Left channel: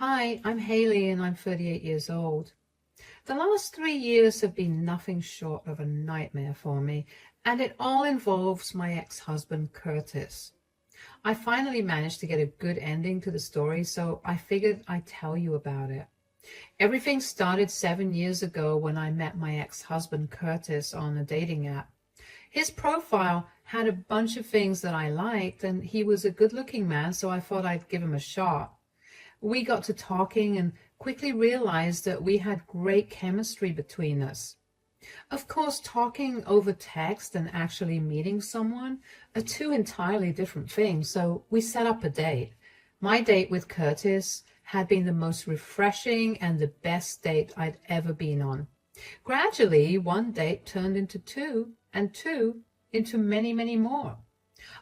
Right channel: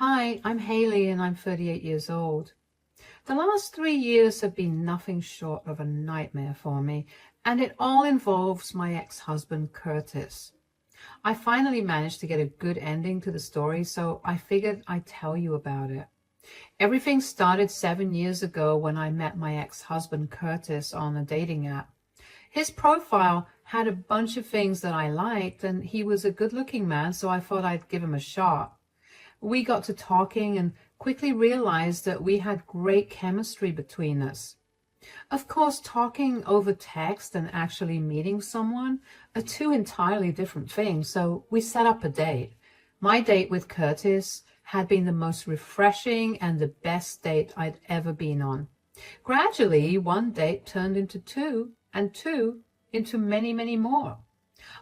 Hi, I'm Haley and I'm 38 years old. The last 3 years have been nothing short of a nightmare for me, and it all involves my ex-husband, Curtis. I finally managed to get a good ending to the story, so I figured I'd tell you about it. Everything started 7 years ago when I met my ex-husband, Curtis, on a dating app. His profile had a bunch of things that I liked, and he was a good-looking man, so I thought I'd give him a shot. We got to talking and quickly realized that we had great chemistry between us. Of course, talking over text and actually meeting someone are two entirely different things, so we set up a date. My date with Curtis had been the most refreshing and the best date I'd ever been on. Gradually, one date turned into two, and two into many, many more.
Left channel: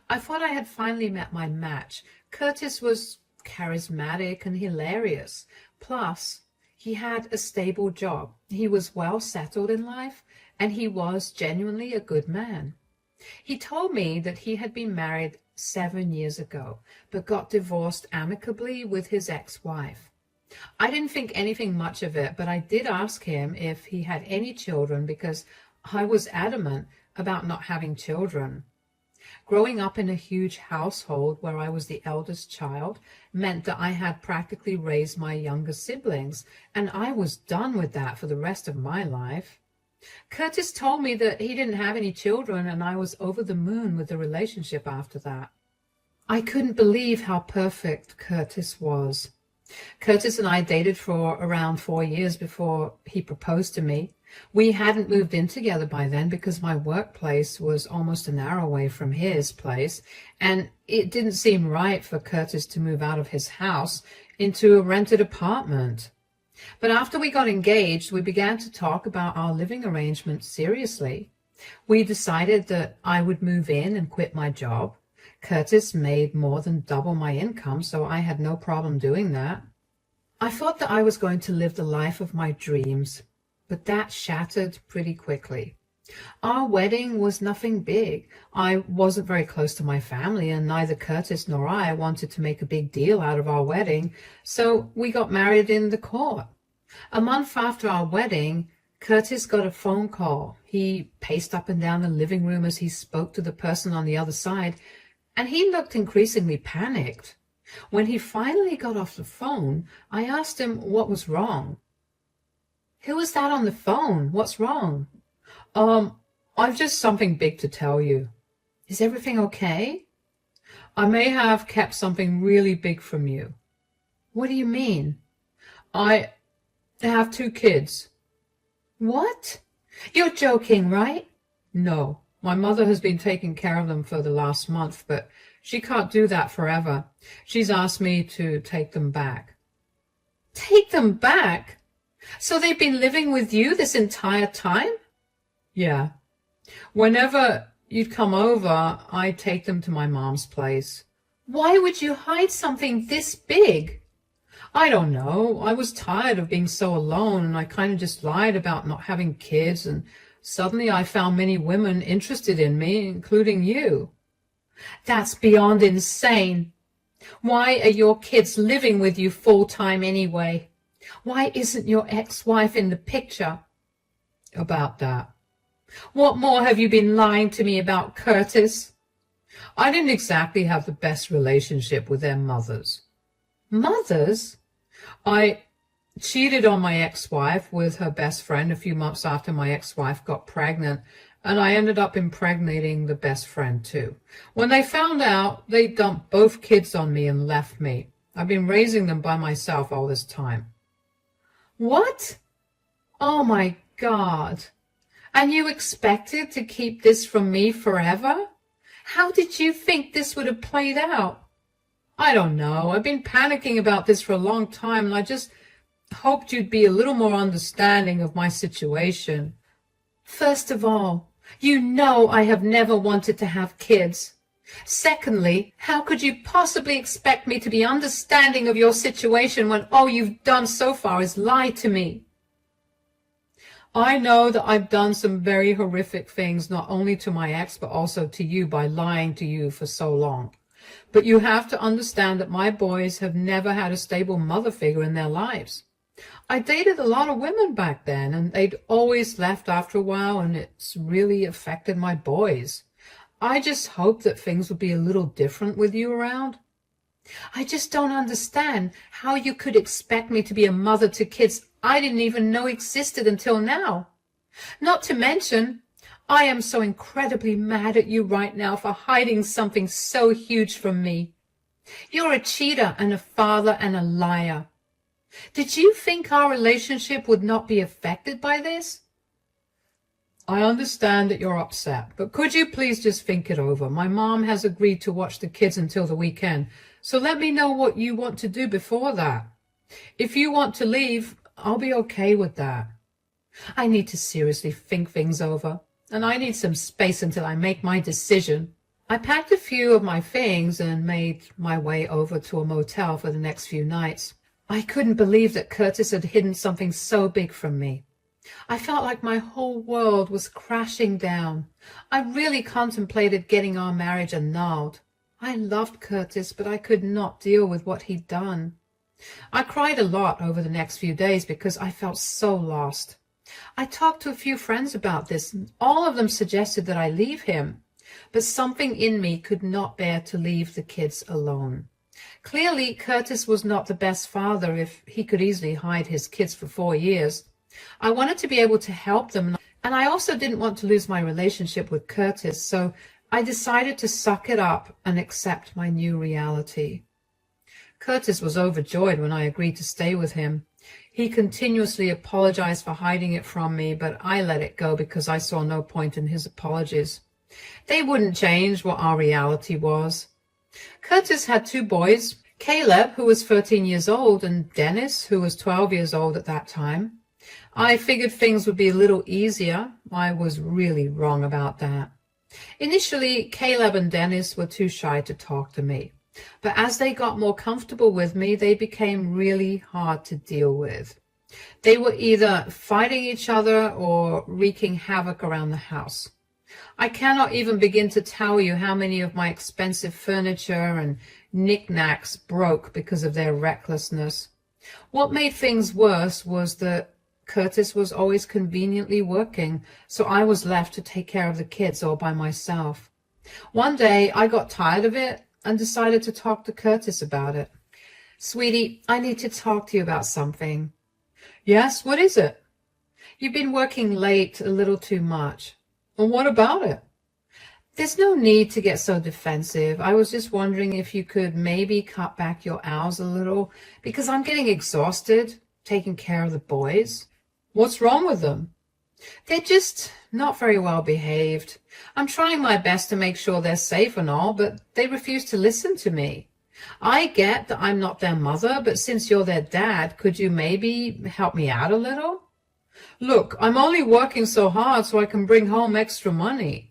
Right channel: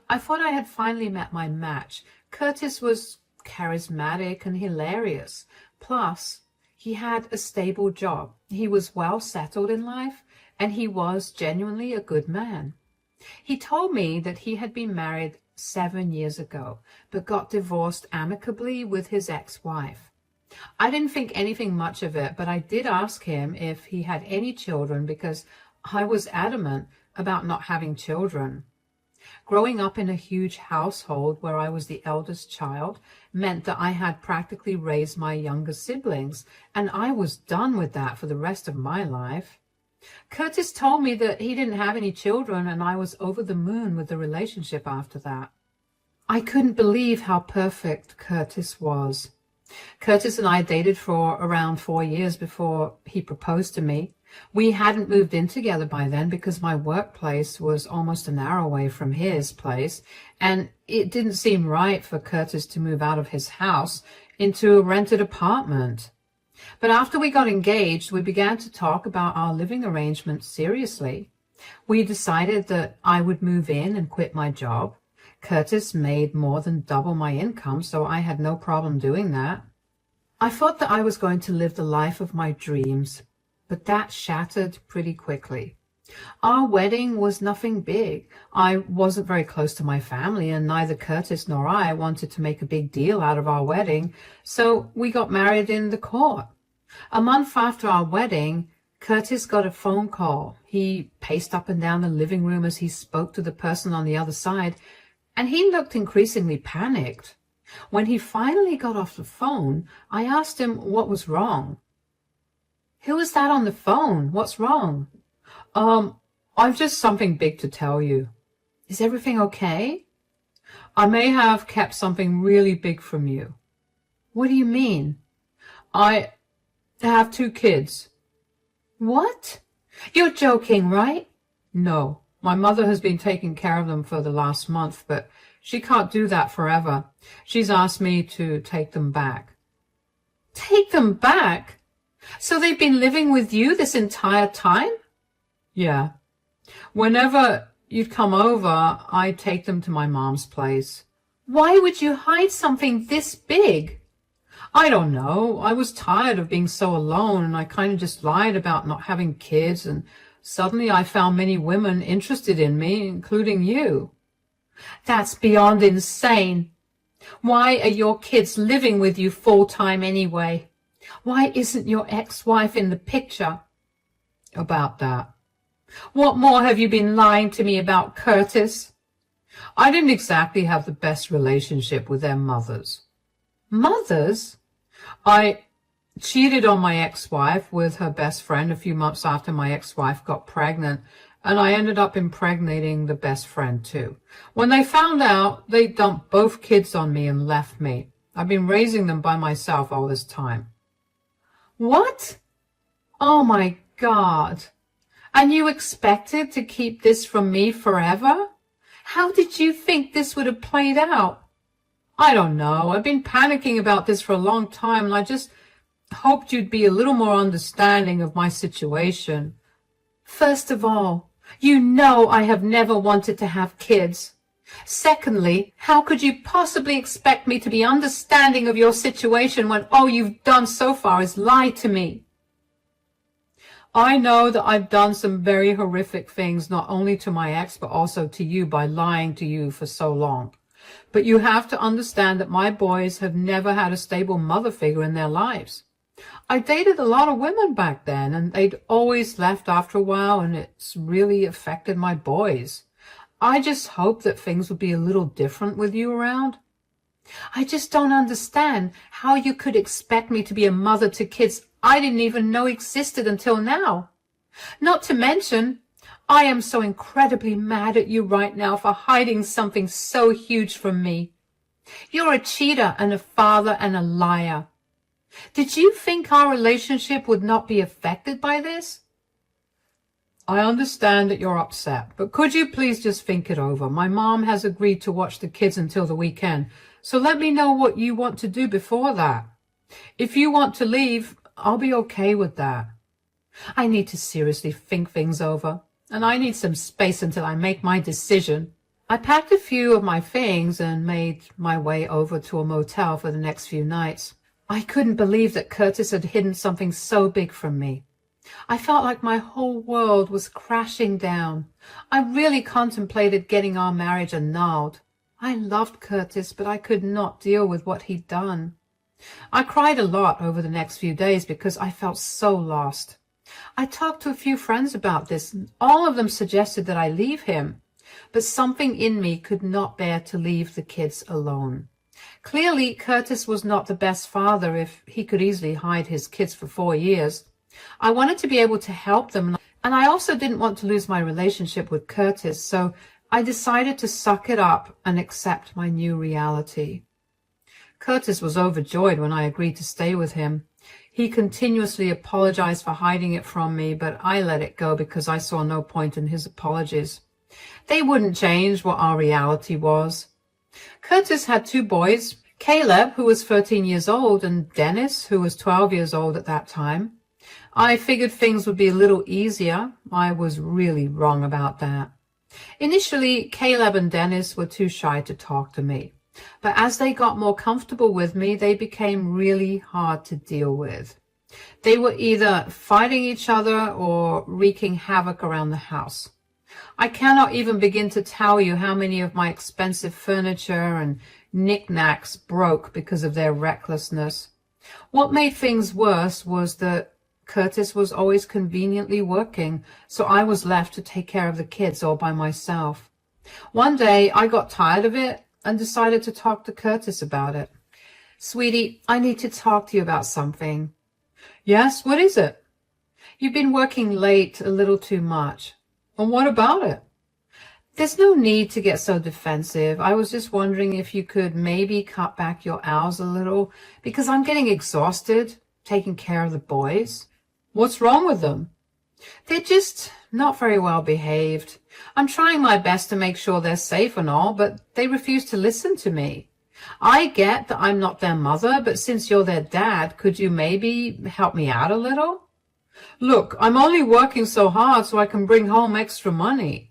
I thought I had finally met my match. Curtis was charismatic and hilarious. Plus, he had a stable job. He was well settled in life, and he was genuinely a good man. He told me that he had been married 7 years ago, but got divorced amicably with his ex-wife. I didn't think anything much of it, but I did ask him if he had any children because I was adamant about not having children. Growing up in a huge household where I was the eldest child meant that I had practically raised my younger siblings, and I was done with that for the rest of my life. Curtis told me that he didn't have any children, and I was over the moon with the relationship after that. I couldn't believe how perfect Curtis was. Curtis and I dated for around 4 years before he proposed to me. We hadn't moved in together by then because my workplace was almost an hour away from his place, and it didn't seem right for Curtis to move out of his house into a rented apartment. But after we got engaged, we began to talk about our living arrangement seriously. We decided that I would move in and quit my job. Curtis made more than double my income, so I had no problem doing that. I thought that I was going to live the life of my dreams, but that shattered pretty quickly. Our wedding was nothing big. I wasn't very close to my family, and neither Curtis nor I wanted to make a big deal out of our wedding, so we got married in the court. A month after our wedding, Curtis got a phone call. He paced up and down the living room as he spoke to the person on the other side, and he looked increasingly panicked. When he finally got off the phone, I asked him what was wrong. "Who is that on the phone? What's wrong?" I've just something big to tell you." "Is everything okay?" "I may have kept something really big from you." "What do you mean?" "I have 2 kids." "What? You're joking, right?" "No. My mother has been taking care of them for the last month, but she can't do that forever. She's asked me to take them back." "Take them back? So they've been living with you this entire time?" "Yeah. Whenever you'd come over, I'd take them to my mom's place." "Why would you hide something this big?" "I don't know. I was tired of being so alone, and I kind of just lied about not having kids, and suddenly I found many women interested in me, including you." "That's beyond insane. Why are your kids living with you full-time anyway? Why isn't your ex-wife in the picture?" "About that." "What more have you been lying to me about, Curtis?" "I didn't exactly have the best relationship with their mothers." "Mothers?" "I cheated on my ex-wife with her best friend a few months after my ex-wife got pregnant, and I ended up impregnating the best friend too. When they found out, they dumped both kids on me and left me. I've been raising them by myself all this time." "What? Oh my God. And you expected to keep this from me forever? How did you think this would have played out?" "I don't know. I've been panicking about this for a long time, and I just hoped you'd be a little more understanding of my situation." "First of all, you know I have never wanted to have kids. Secondly, how could you possibly expect me to be understanding of your situation when all you've done so far is lie to me?" "I know that I've done some very horrific things, not only to my ex, but also to you by lying to you for so long. But you have to understand that my boys have never had a stable mother figure in their lives. I dated a lot of women back then, and they'd always left after a while, and it's really affected my boys. I just hope that things would be a little different with you around. I just don't understand how you could expect me to be a mother to kids I didn't even know existed until now. Not to mention, I am so incredibly mad at you right now for hiding something so huge from me. You're a cheater and a father and a liar. Did you think our relationship would not be affected by this? I understand that you're upset, but could you please just think it over? My mom has agreed to watch the kids until the weekend, so let me know what you want to do before that. If you want to leave, I'll be okay with that. I need to seriously think things over, and I need some space until I make my decision. I packed a few of my things and made my way over to a motel for the next few nights. I couldn't believe that Curtis had hidden something so big from me. I felt like my whole world was crashing down. I really contemplated getting our marriage annulled. I loved Curtis, but I could not deal with what he'd done. I cried a lot over the next few days because I felt so lost. I talked to a few friends about this, and all of them suggested that I leave him, but something in me could not bear to leave the kids alone. Clearly, Curtis was not the best father if he could easily hide his kids for 4 years. I wanted to be able to help them, and I also didn't want to lose my relationship with Curtis, so I decided to suck it up and accept my new reality. Curtis was overjoyed when I agreed to stay with him. He continuously apologized for hiding it from me, but I let it go because I saw no point in his apologies. They wouldn't change what our reality was. Curtis had 2 boys, Caleb, who was 13 years old, and Dennis, who was 12 years old at that time. I figured things would be a little easier. I was really wrong about that. Initially, Caleb and Dennis were too shy to talk to me, but as they got more comfortable with me, they became really hard to deal with. They were either fighting each other or wreaking havoc around the house. I cannot even begin to tell you how many of my expensive furniture and knickknacks broke because of their recklessness. What made things worse was that Curtis was always conveniently working, so I was left to take care of the kids all by myself. One day, I got tired of it and decided to talk to Curtis about it. Sweetie, I need to talk to you about something. Yes, what is it? You've been working late a little too much. And what about it? There's no need to get so defensive. I was just wondering if you could maybe cut back your hours a little, because I'm getting exhausted taking care of the boys. What's wrong with them? They're just not very well behaved. I'm trying my best to make sure they're safe and all, but they refuse to listen to me. I get that I'm not their mother, but since you're their dad, could you maybe help me out a little? Look, I'm only working so hard so I can bring home extra money.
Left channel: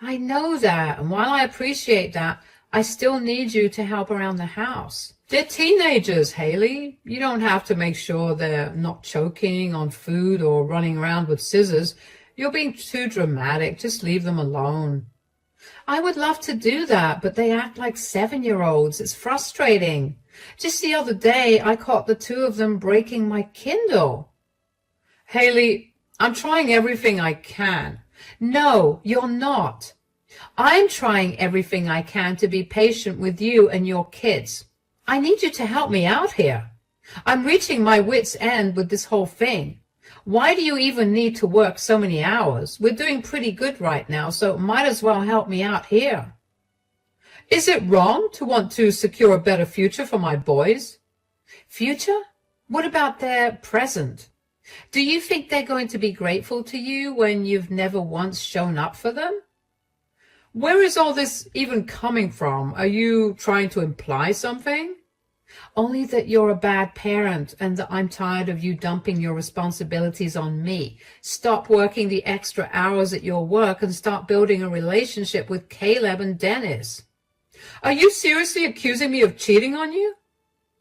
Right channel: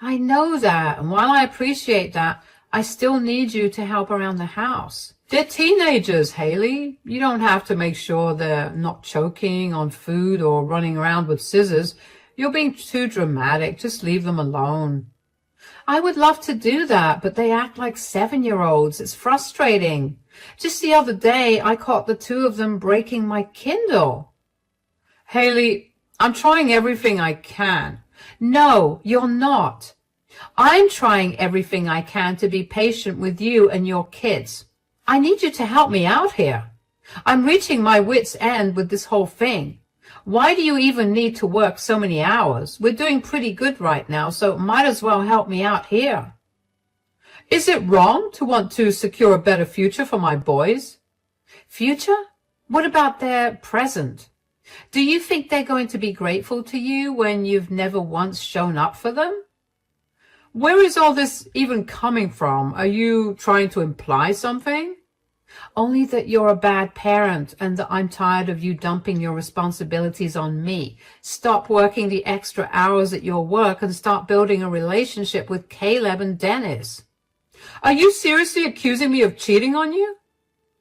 I know that, and while I appreciate that, I still need you to help around the house. They're teenagers, Haley. You don't have to make sure they're not choking on food or running around with scissors. You're being too dramatic. Just leave them alone. I would love to do that, but they act like 7-year-olds. It's frustrating. Just the other day, I caught the 2 of them breaking my Kindle. Haley, I'm trying everything I can. No, you're not. I'm trying everything I can to be patient with you and your kids. I need you to help me out here. I'm reaching my wit's end with this whole thing. Why do you even need to work so many hours? We're doing pretty good right now, so might as well help me out here. Is it wrong to want to secure a better future for my boys? Future? What about their present? Do you think they're going to be grateful to you when you've never once shown up for them? Where is all this even coming from? Are you trying to imply something? Only that you're a bad parent and that I'm tired of you dumping your responsibilities on me. Stop working the extra hours at your work and start building a relationship with Caleb and Dennis. Are you seriously accusing me of cheating on you?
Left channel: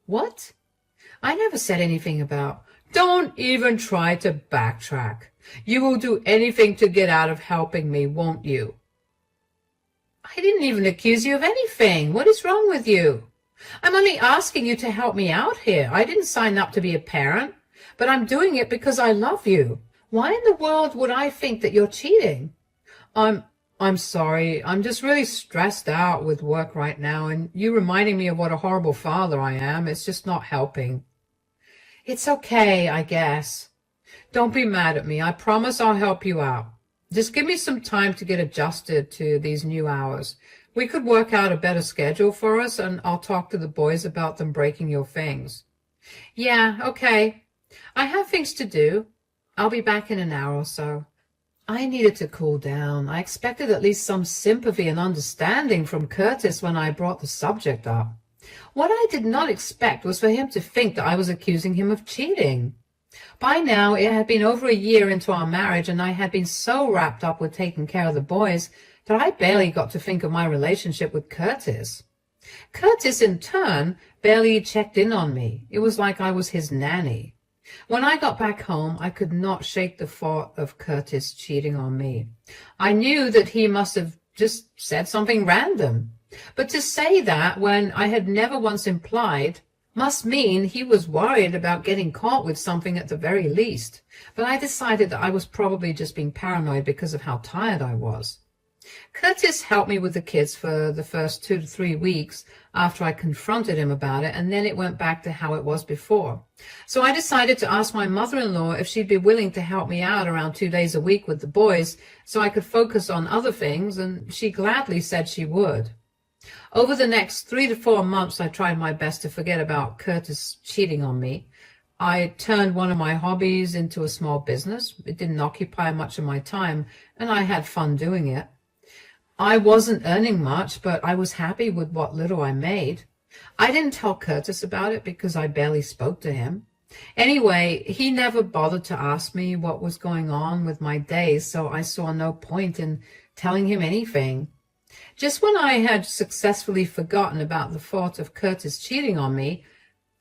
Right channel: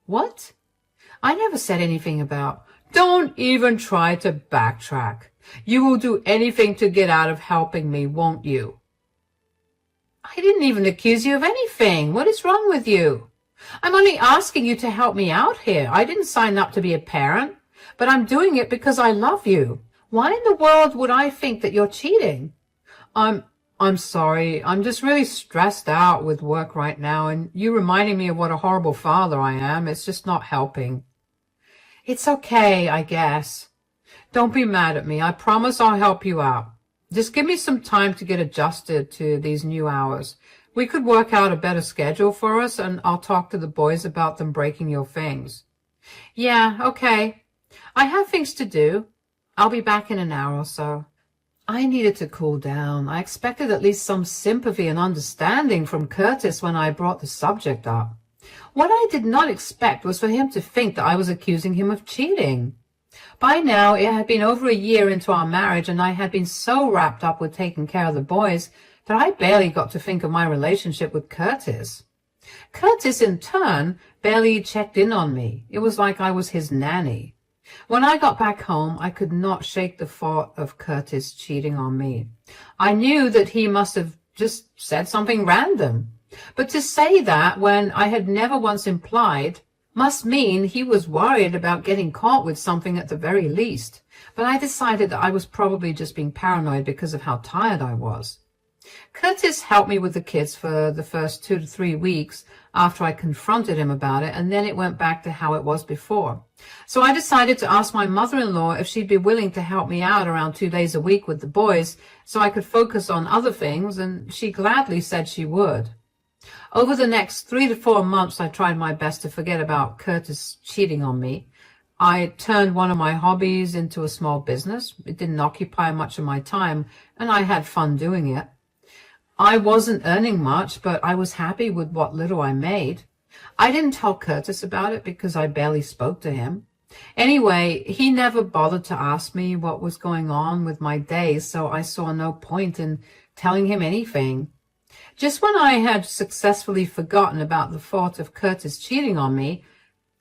What? I never said anything about... Don't even try to backtrack. You will do anything to get out of helping me, won't you? I didn't even accuse you of anything. What is wrong with you? I'm only asking you to help me out here. I didn't sign up to be a parent, but I'm doing it because I love you. Why in the world would I think that you're cheating? I'm sorry. I'm just really stressed out with work right now, and you reminding me of what a horrible father I am. It's just not helping. It's okay, I guess. Don't be mad at me. I promise I'll help you out. Just give me some time to get adjusted to these new hours. We could work out a better schedule for us, and I'll talk to the boys about them breaking your things. Yeah, okay. I have things to do. I'll be back in an hour or so. I needed to cool down. I expected at least some sympathy and understanding from Curtis when I brought the subject up. What I did not expect was for him to think that I was accusing him of cheating. By now, it had been over a year into our marriage, and I had been so wrapped up with taking care of the boys that I barely got to think of my relationship with Curtis. Curtis, in turn, barely checked in on me. It was like I was his nanny. When I got back home, I could not shake the thought of Curtis cheating on me. I knew that he must have just said something random. But to say that when I had never once implied must mean he was worried about getting caught with something at the very least. But I decided that I was probably just being paranoid because of how tired I was. Curtis helped me with the kids for the first 2 to 3 weeks after I confronted him about it, and then it went back to how it was before. So I decided to ask my mother-in-law if she'd be willing to help me out around 2 days a week with the boys so I could focus on other things, and she gladly said she would. Over the next 3 to 4 months, I tried my best to forget about Curtis cheating on me. I turned one of my hobbies into a small business. It didn't occupy much of my time, and I had fun doing it. I wasn't earning much, but I was happy with what little I made. I didn't tell Curtis about it because I barely spoke to him. Anyway, he never bothered to ask me what was going on with my days, so I saw no point in telling him anything. Just when I had successfully forgotten about the thought of Curtis cheating on me,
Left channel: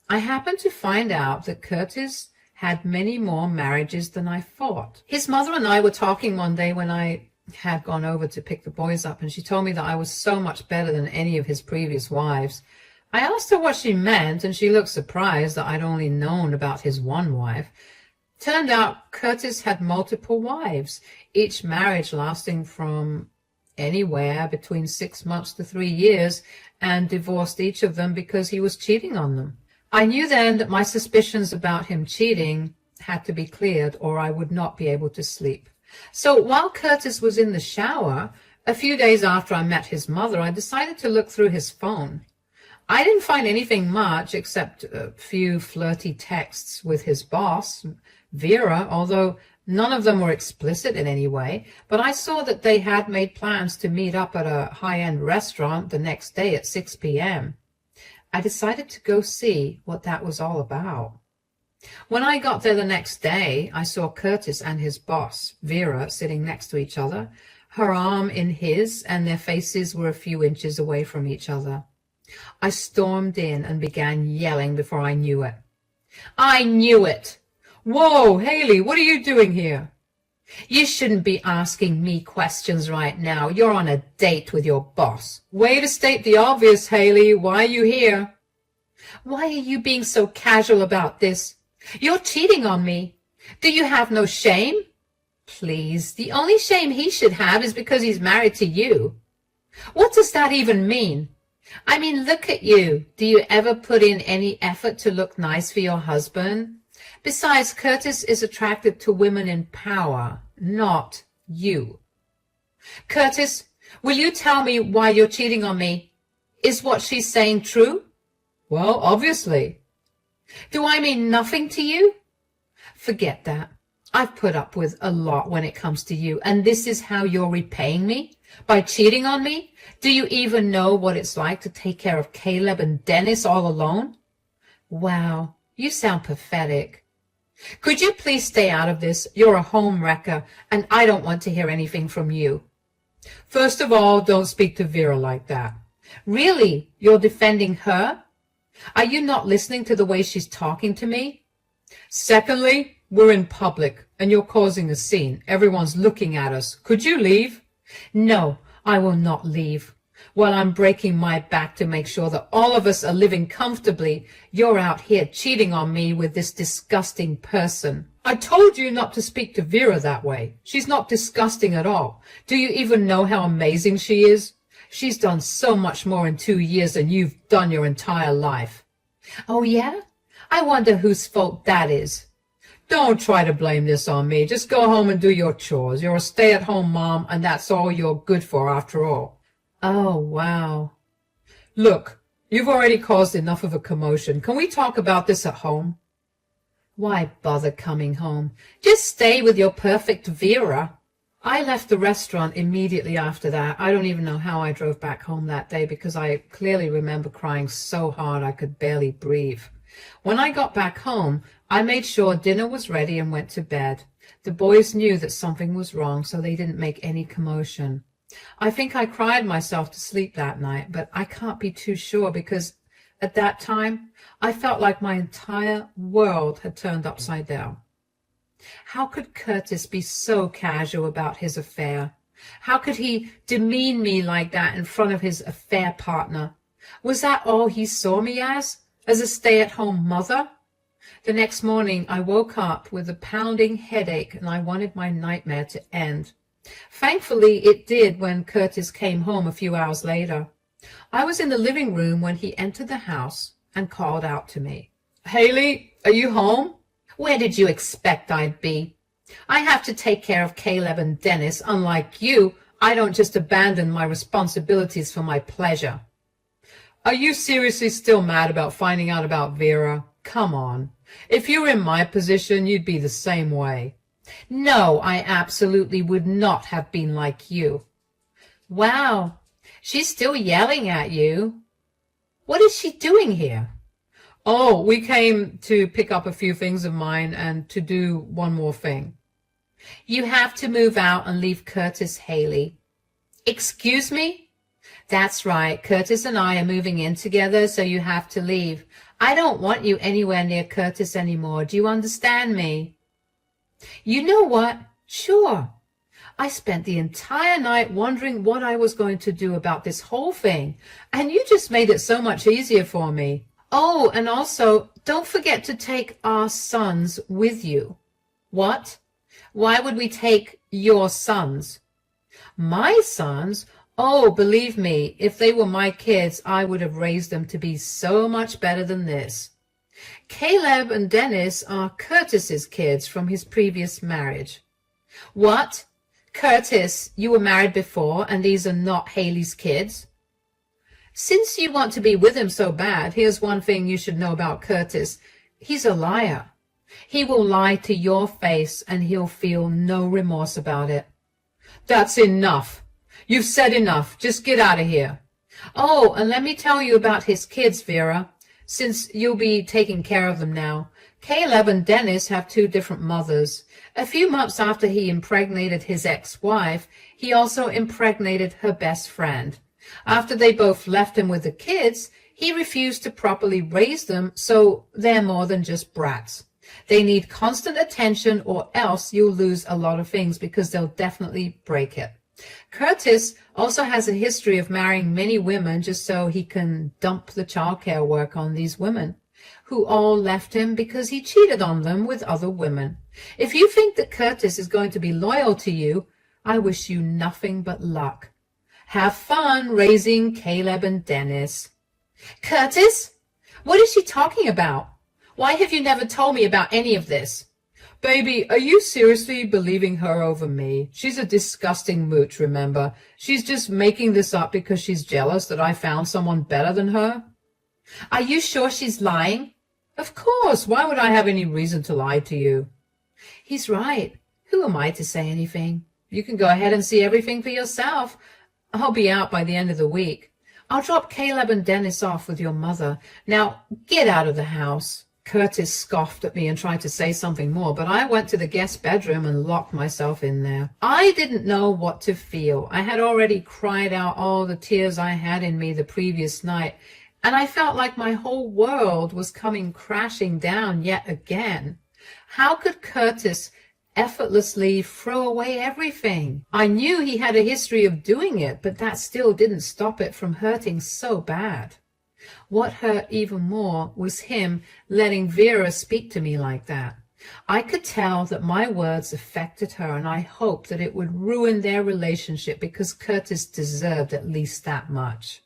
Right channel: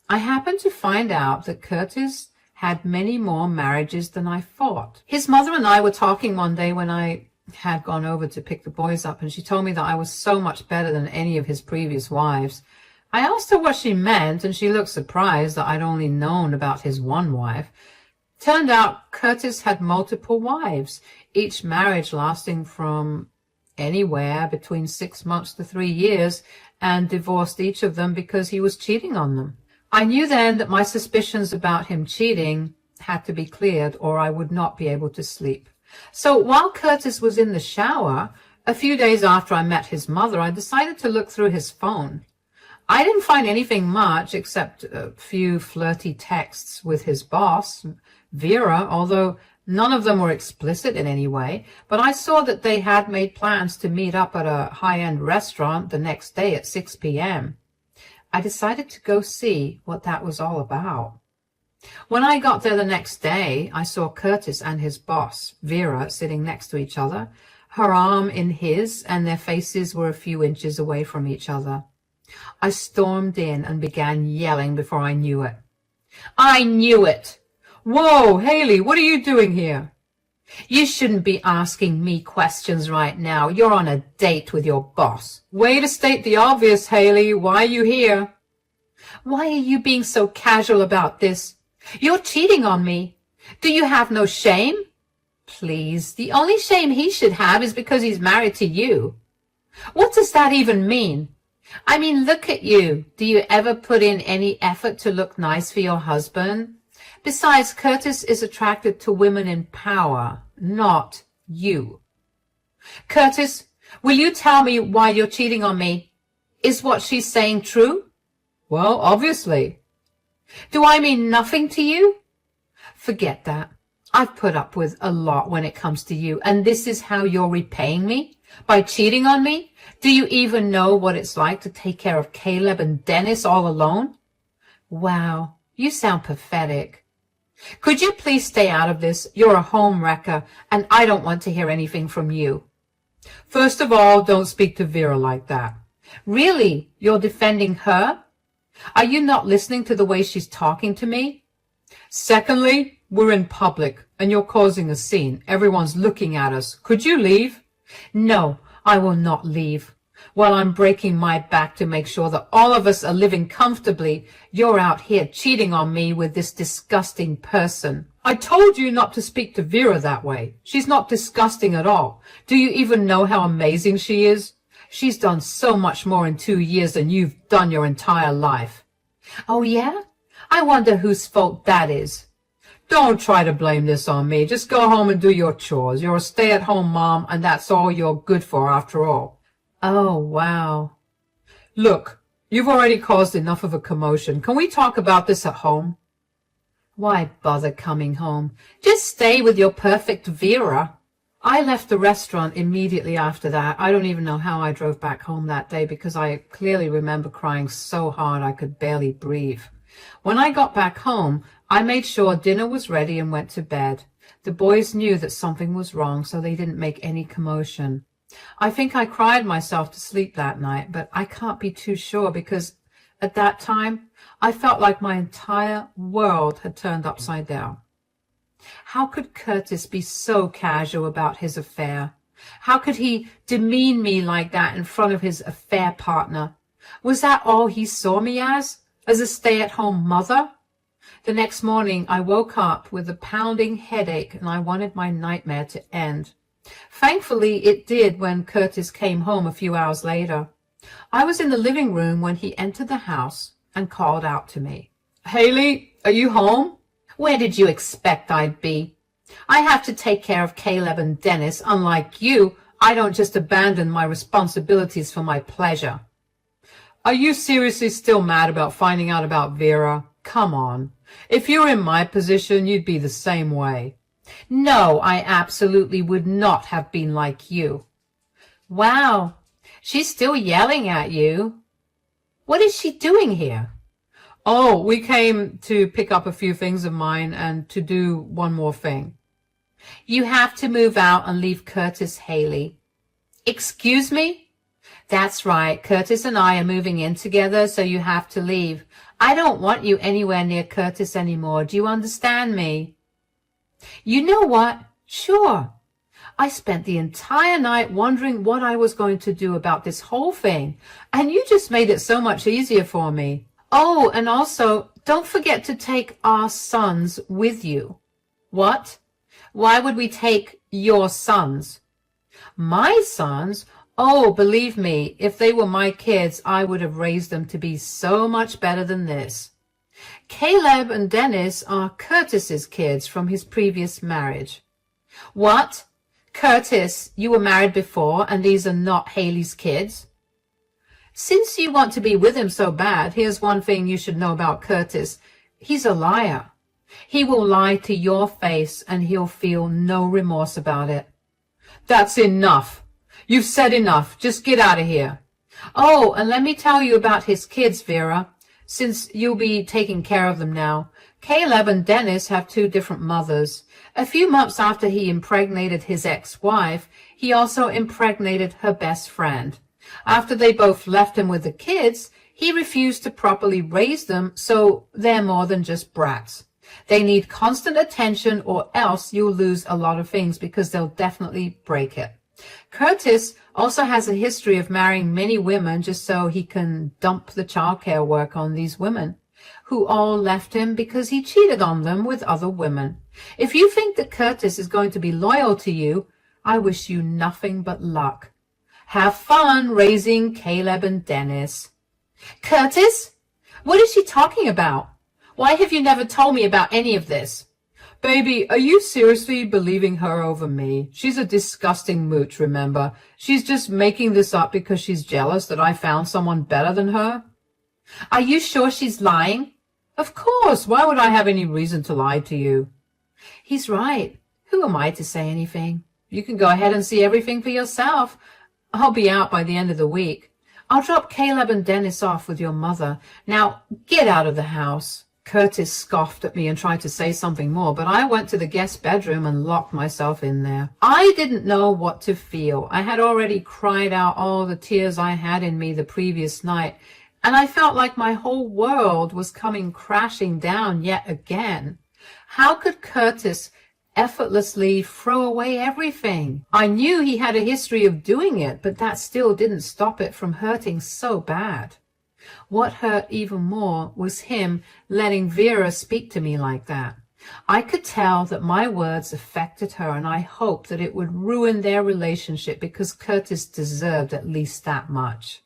I happened to find out that Curtis had many more marriages than I thought. His mother and I were talking one day when I had gone over to pick the boys up, and she told me that I was so much better than any of his previous wives. I asked her what she meant, and she looked surprised that I'd only known about his one wife. Turned out Curtis had multiple wives, each marriage lasting from anywhere between 6 months to 3 years, and divorced each of them because he was cheating on them. I knew then that my suspicions about him cheating had to be cleared, or I would not be able to sleep. So while Curtis was in the shower, a few days after I met his mother, I decided to look through his phone. I didn't find anything much except a few flirty texts with his boss, Vera, although none of them were explicit in any way, but I saw that they had made plans to meet up at a high-end restaurant the next day at 6 p.m. I decided to go see what that was all about. When I got there the next day, I saw Curtis and his boss, Vera, sitting next to each other, her arm in his, and their faces were a few inches away from each other. I stormed in and began yelling before I knew it. I knew it! Whoa, Haley, what are you doing here? You shouldn't be asking me questions right now. You're on a date with your boss. Way to state the obvious, Haley. Why are you here? Why are you being so casual about this? You're cheating on me. Do you have no shame? Please, the only shame he should have is because he's married to you. What does that even mean? I mean, look at you. Do you ever put in any effort to look nice for your husband? Besides, Curtis is attracted to women in power, not you. Curtis, will you tell me why you're cheating on me? Is what she's saying true? Well, obviously. Do I mean nothing to you? Forget that. I've put up with a lot when it comes to you, and this is how you're repaying me? By cheating on me? Do you even know what it's like to take care of Caleb and Dennis all alone? Wow, you sound pathetic. Could you please stay out of this? You're a home wrecker, and I don't want to hear anything from you. First of all, don't speak to Vera like that. Really? You're defending her? Are you not listening to the way she's talking to me? Secondly, we're in public, and you're causing a scene. Everyone's looking at us. Could you leave? No, I will not leave. While I'm breaking my back to make sure that all of us are living comfortably, you're out here cheating on me with this disgusting person. I told you not to speak to Vera that way. She's not disgusting at all. Do you even know how amazing she is? She's done so much more in 2 years than you've done your entire life. Oh, yeah? I wonder whose fault that is. Don't try to blame this on me. Just go home and do your chores. You're a stay-at-home mom, and that's all you're good for after all. Oh, wow. Look, you've already caused enough of a commotion. Can we talk about this at home? Why bother coming home? Just stay with your perfect Vera. I left the restaurant immediately after that. I don't even know how I drove back home that day because I clearly remember crying so hard I could barely breathe. When I got back home, I made sure dinner was ready and went to bed. The boys knew that something was wrong, so they didn't make any commotion. I think I cried myself to sleep that night, but I can't be too sure because at that time, I felt like my entire world had turned upside down. How could Curtis be so casual about his affair? How could he demean me like that in front of his affair partner? Was that all he saw me as a stay-at-home mother? The next morning, I woke up with a pounding headache and I wanted my nightmare to end. Thankfully, it did when Curtis came home a few hours later. I was in the living room when he entered the house and called out to me. Haley, are you home? Where did you expect I'd be? I have to take care of Caleb and Dennis. Unlike you, I don't just abandon my responsibilities for my pleasure. Are you seriously still mad about finding out about Vera? Come on. If you were in my position, you'd be the same way. No, I absolutely would not have been like you. Wow, she's still yelling at you. What is she doing here? Oh, we came to pick up a few things of mine and to do one more thing. You have to move out and leave Curtis, Haley. Excuse me? That's right, Curtis and I are moving in together, so you have to leave. I don't want you anywhere near Curtis anymore. Do you understand me? You know what? Sure. I spent the entire night wondering what I was going to do about this whole thing, and you just made it so much easier for me. Oh, and also, don't forget to take our sons with you. What? Why would we take your sons? My sons? Oh, believe me, if they were my kids, I would have raised them to be so much better than this. Caleb and Dennis are Curtis's kids from his previous marriage. What? Curtis, you were married before, and these are not Haley's kids? Since you want to be with him so bad, here's one thing you should know about Curtis. He's a liar. He will lie to your face, and he'll feel no remorse about it. That's enough. You've said enough. Just get out of here. Oh, and let me tell you about his kids, Vera, since you'll be taking care of them now. Caleb and Dennis have 2 different mothers. A few months after he impregnated his ex-wife, he also impregnated her best friend. After they both left him with the kids, he refused to properly raise them, so they're more than just brats. They need constant attention or else you'll lose a lot of things because they'll definitely break it. Curtis also has a history of marrying many women just so he can dump the childcare work on these women, who all left him because he cheated on them with other women. If you think that Curtis is going to be loyal to you, I wish you nothing but luck. Have fun raising Caleb and Dennis. Curtis? What is she talking about? Why have you never told me about any of this? Baby, are you seriously believing her over me? She's a disgusting mooch, remember? She's just making this up because she's jealous that I found someone better than her. Are you sure she's lying? Of course. Why would I have any reason to lie to you? He's right. Who am I to say anything? You can go ahead and see everything for yourself. I'll be out by the end of the week. I'll drop Caleb and Dennis off with your mother. Now, get out of the house. Curtis scoffed at me and tried to say something more, but I went to the guest bedroom and locked myself in there. I didn't know what to feel. I had already cried out all the tears I had in me the previous night, and I felt like my whole world was coming crashing down yet again. How could Curtis effortlessly throw away everything. I knew he had a history of doing it, but that still didn't stop it from hurting so bad. What hurt even more was him letting Vera speak to me like that. I could tell that my words affected her, and I hoped that it would ruin their relationship because Curtis deserved at least that much.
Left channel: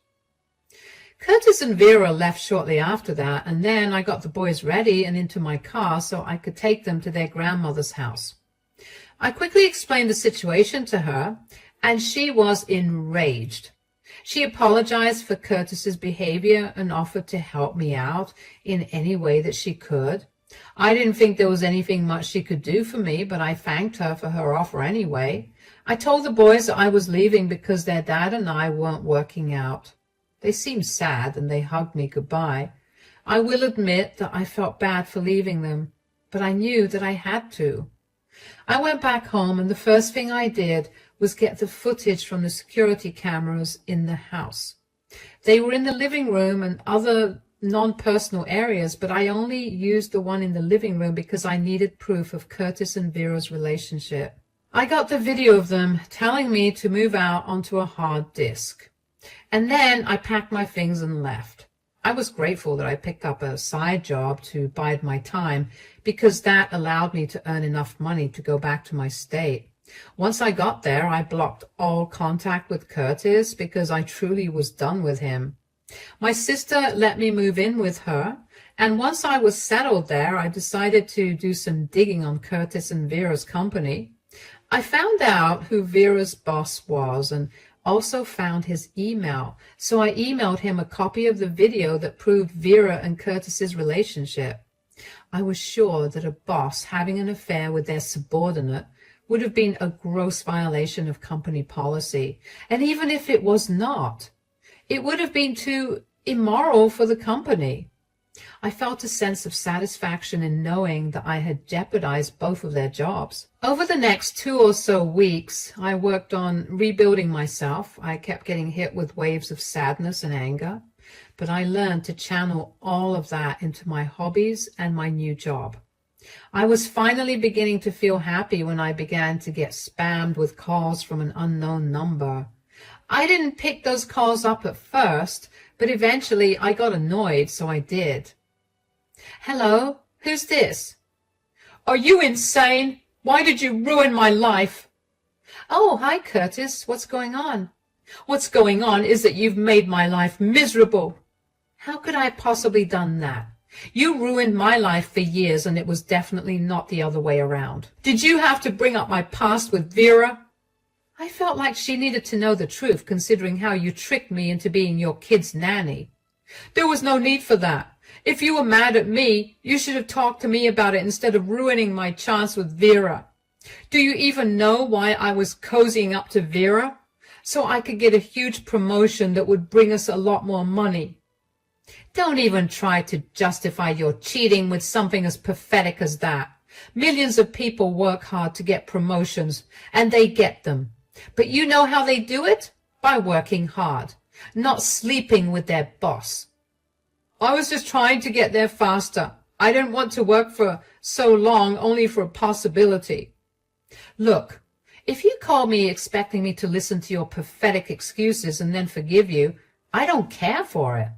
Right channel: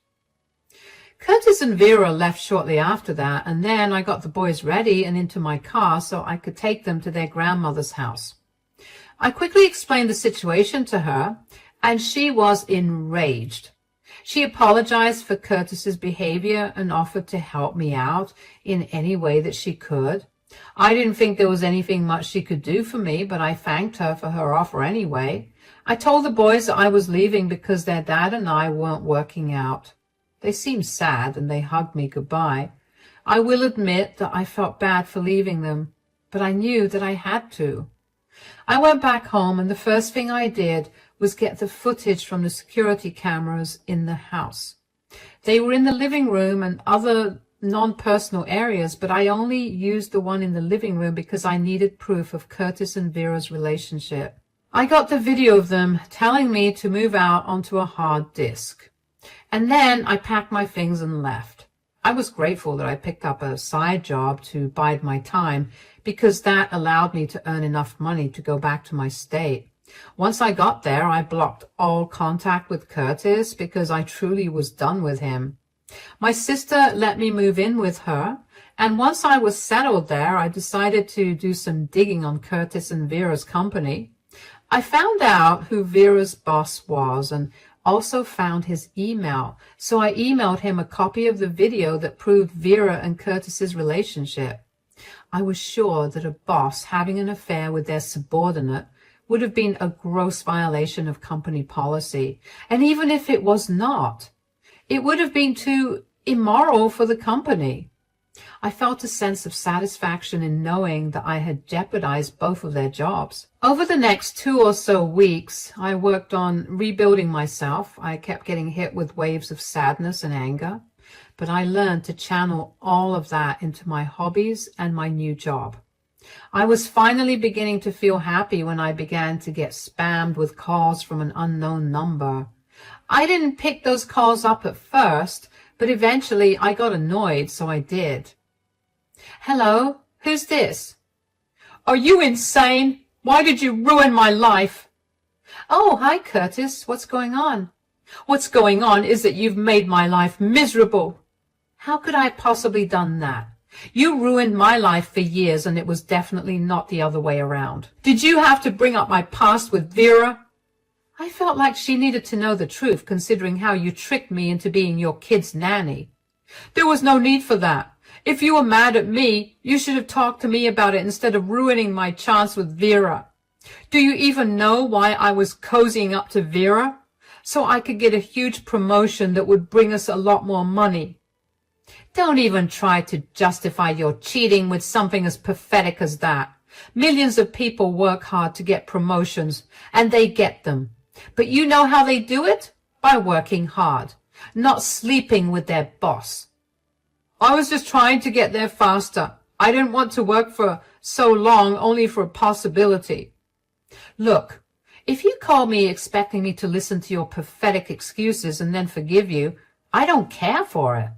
Curtis and Vera left shortly after that, and then I got the boys ready and into my car so I could take them to their grandmother's house. I quickly explained the situation to her, and she was enraged. She apologized for Curtis's behavior and offered to help me out in any way that she could. I didn't think there was anything much she could do for me, but I thanked her for her offer anyway. I told the boys that I was leaving because their dad and I weren't working out. They seemed sad and they hugged me goodbye. I will admit that I felt bad for leaving them, but I knew that I had to. I went back home, and the first thing I did was get the footage from the security cameras in the house. They were in the living room and other non-personal areas, but I only used the one in the living room because I needed proof of Curtis and Vera's relationship. I got the video of them telling me to move out onto a hard disk. And then I packed my things and left. I was grateful that I picked up a side job to bide my time because that allowed me to earn enough money to go back to my state. Once I got there, I blocked all contact with Curtis because I truly was done with him. My sister let me move in with her, and once I was settled there, I decided to do some digging on Curtis and Vera's company. I found out who Vera's boss was and also found his email, so I emailed him a copy of the video that proved Vera and Curtis's relationship. I was sure that a boss having an affair with their subordinate would have been a gross violation of company policy, and even if it was not, it would have been too immoral for the company. I felt a sense of satisfaction in knowing that I had jeopardized both of their jobs. Over the next 2 or so weeks, I worked on rebuilding myself. I kept getting hit with waves of sadness and anger, but I learned to channel all of that into my hobbies and my new job. I was finally beginning to feel happy when I began to get spammed with calls from an unknown number. I didn't pick those calls up at first, but eventually I got annoyed, so I did. Hello, who's this? Are you insane? Why did you ruin my life? Oh, hi, Curtis. What's going on? What's going on is that you've made my life miserable. How could I have possibly done that? You ruined my life for years, and it was definitely not the other way around. Did you have to bring up my past with Vera? I felt like she needed to know the truth, considering how you tricked me into being your kid's nanny. There was no need for that. If you were mad at me, you should have talked to me about it instead of ruining my chance with Vera. Do you even know why I was cozying up to Vera? So I could get a huge promotion that would bring us a lot more money. Don't even try to justify your cheating with something as pathetic as that. Millions of people work hard to get promotions, and they get them. But you know how they do it? By working hard, not sleeping with their boss. I was just trying to get there faster. I didn't want to work for so long only for a possibility. Look, if you call me expecting me to listen to your pathetic excuses and then forgive you, I don't care for it.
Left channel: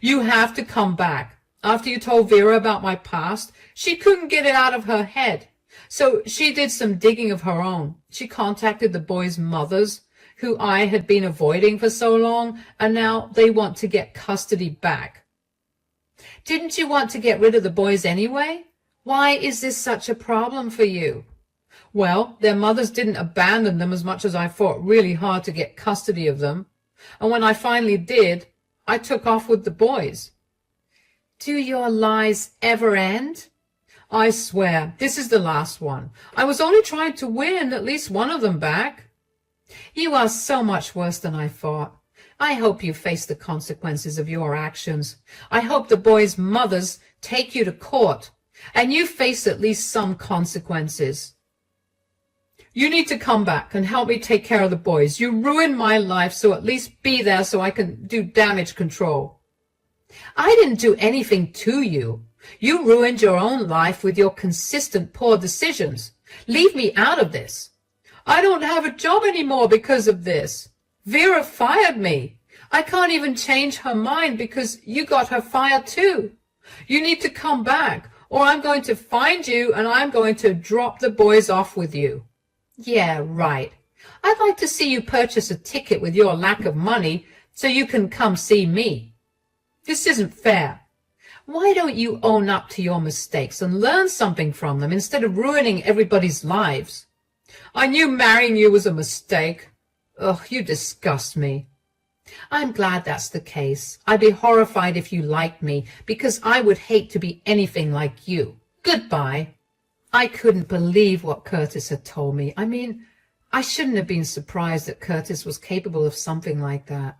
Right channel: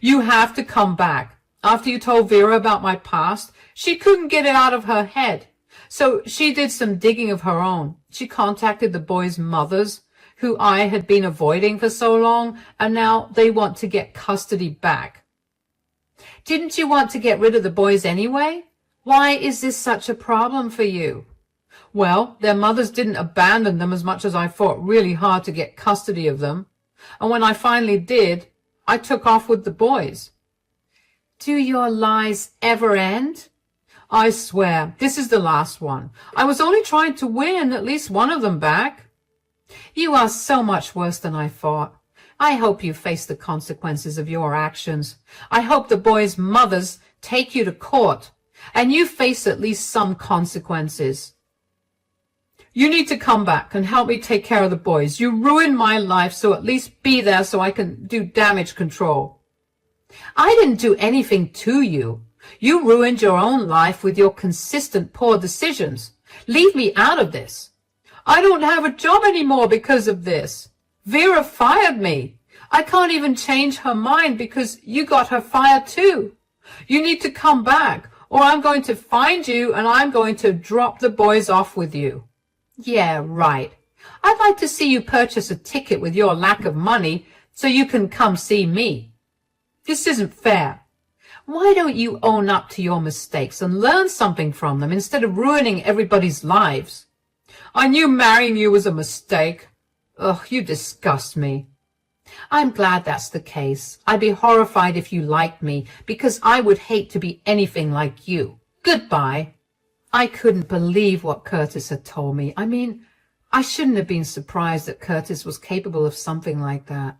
You have to come back. After you told Vera about my past, she couldn't get it out of her head. So she did some digging of her own. She contacted the boys' mothers, who I had been avoiding for so long, and now they want to get custody back. Didn't you want to get rid of the boys anyway? Why is this such a problem for you? Well, their mothers didn't abandon them as much as I fought really hard to get custody of them. And when I finally did, I took off with the boys. Do your lies ever end? I swear, this is the last one. I was only trying to win at least one of them back. You are so much worse than I thought. I hope you face the consequences of your actions. I hope the boys' mothers take you to court, and you face at least some consequences. You need to come back and help me take care of the boys. You ruined my life, so at least be there so I can do damage control. I didn't do anything to you. You ruined your own life with your consistent poor decisions. Leave me out of this. I don't have a job anymore because of this. Vera fired me. I can't even change her mind because you got her fired too. You need to come back, or I'm going to find you and I'm going to drop the boys off with you. Yeah, right. I'd like to see you purchase a ticket with your lack of money so you can come see me. This isn't fair. Why don't you own up to your mistakes and learn something from them instead of ruining everybody's lives? I knew marrying you was a mistake. Ugh, you disgust me. I'm glad that's the case. I'd be horrified if you liked me, because I would hate to be anything like you. Goodbye. I couldn't believe what Curtis had told me. I mean, I shouldn't have been surprised that Curtis was capable of something like that.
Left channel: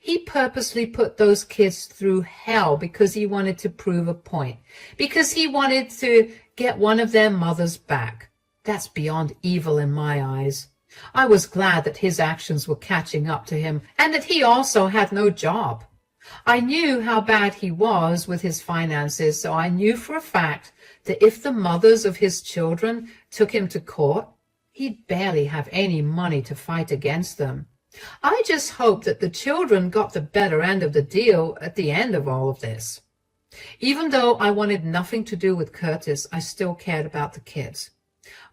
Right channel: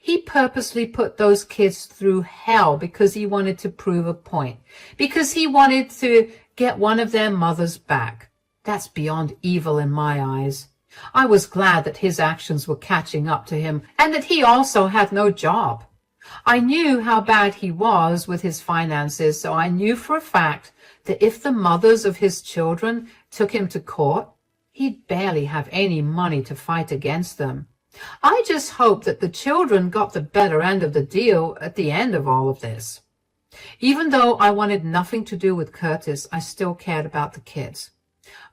He purposely put those kids through hell because he wanted to prove a point, because he wanted to get one of their mothers back. That's beyond evil in my eyes. I was glad that his actions were catching up to him and that he also had no job. I knew how bad he was with his finances, so I knew for a fact that if the mothers of his children took him to court, he'd barely have any money to fight against them. I just hoped that the children got the better end of the deal at the end of all of this. Even though I wanted nothing to do with Curtis, I still cared about the kids.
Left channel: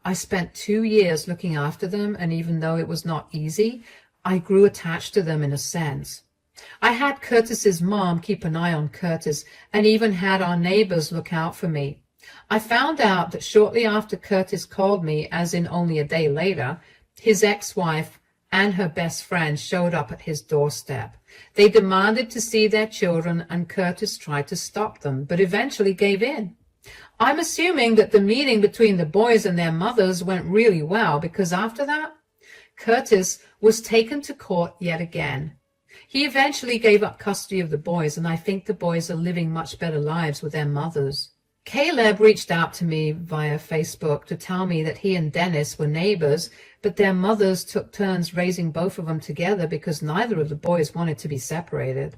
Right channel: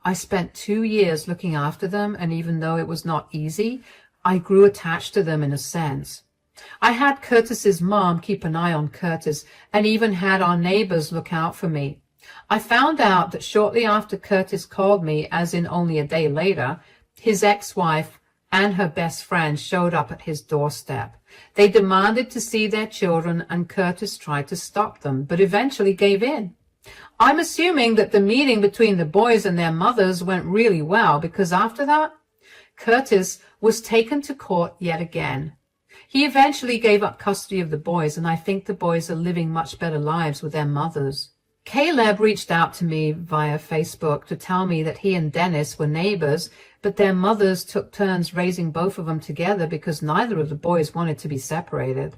I spent 2 years looking after them, and even though it was not easy, I grew attached to them in a sense. I had Curtis's mom keep an eye on Curtis, and even had our neighbors look out for me. I found out that shortly after Curtis called me, as in only a day later, his ex-wife and her best friend showed up at his doorstep. They demanded to see their children, and Curtis tried to stop them, but eventually gave in. I'm assuming that the meeting between the boys and their mothers went really well, because after that, Curtis was taken to court yet again. He eventually gave up custody of the boys, and I think the boys are living much better lives with their mothers. Caleb reached out to me via Facebook to tell me that he and Dennis were neighbors, but their mothers took turns raising both of them together because neither of the boys wanted to be separated.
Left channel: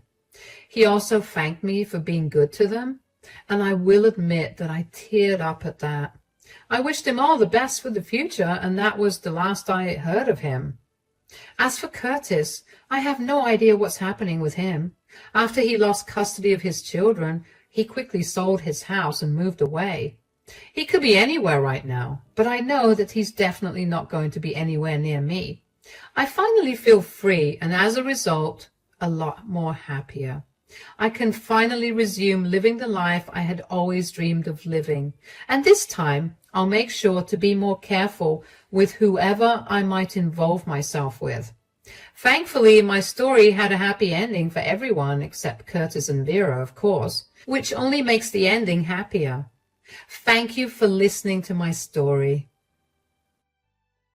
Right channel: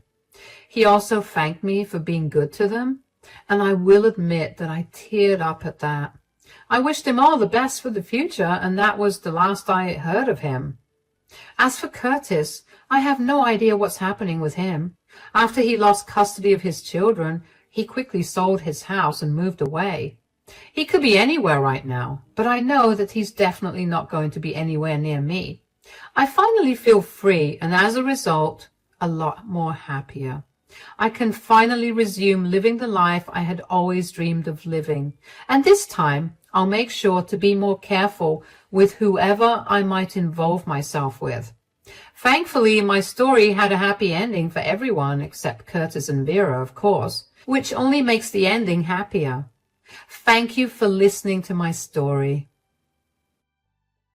He also thanked me for being good to them, and I will admit that I teared up at that. I wished him all the best for the future, and that was the last I heard of him. As for Curtis, I have no idea what's happening with him. After he lost custody of his children, he quickly sold his house and moved away. He could be anywhere right now, but I know that he's definitely not going to be anywhere near me. I finally feel free, and as a result, a lot more happier. I can finally resume living the life I had always dreamed of living, and this time I'll make sure to be more careful with whoever I might involve myself with. Thankfully, my story had a happy ending for everyone except Curtis and Vera, of course, which only makes the ending happier. Thank you for listening to my story.